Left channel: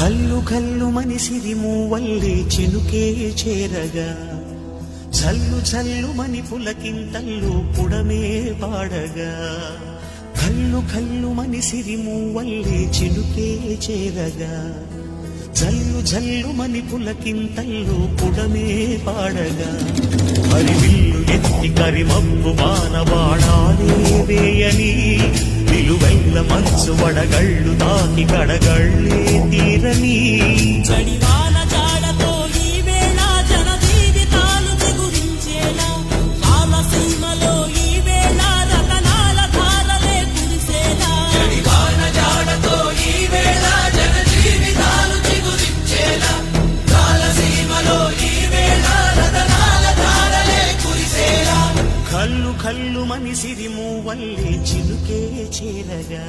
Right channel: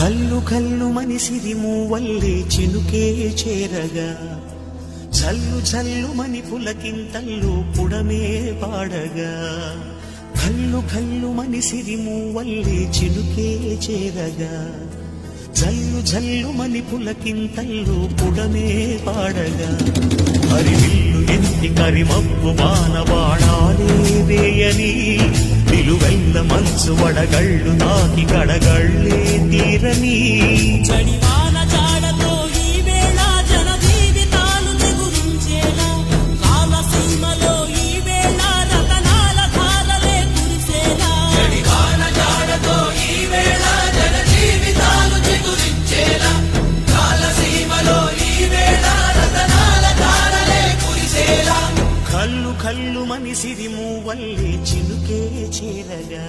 కల్లు కల్లు మనిసిరి మూవల్లే చినుకే చేరగా జల్లు జల్లు మని పులకింతల్లు పుడమే పాడగా కల్లు కల్లు మనిసిరి మూవల్లే చినుకే చేరగా జల్లు జల్లు మని పులకింతల్లు పుడమే పాడగా హరివిల్లు ఎత్తి కరిమబ్బు బాణబాణాలే వేయని నిలువెల్ల మంచు వడగళ్ళు తాకి కడగళ్ళే తీరని చడివాన జాడతో ఈ వేళ జన జీవితాలు చెగురించేలా కాలసీమలో ఈ వేళ రతనాల ధారలే కురిసేలా చడివాన జాడతో ఈ వేళ జన జీవితాలు చెగురించేలా కాలసీమలో ఈ వేళ రతనాల ధారలే కురిసేలా కల్లు కల్లు మనిసిరి మూవల్లే చినుకే చేరగా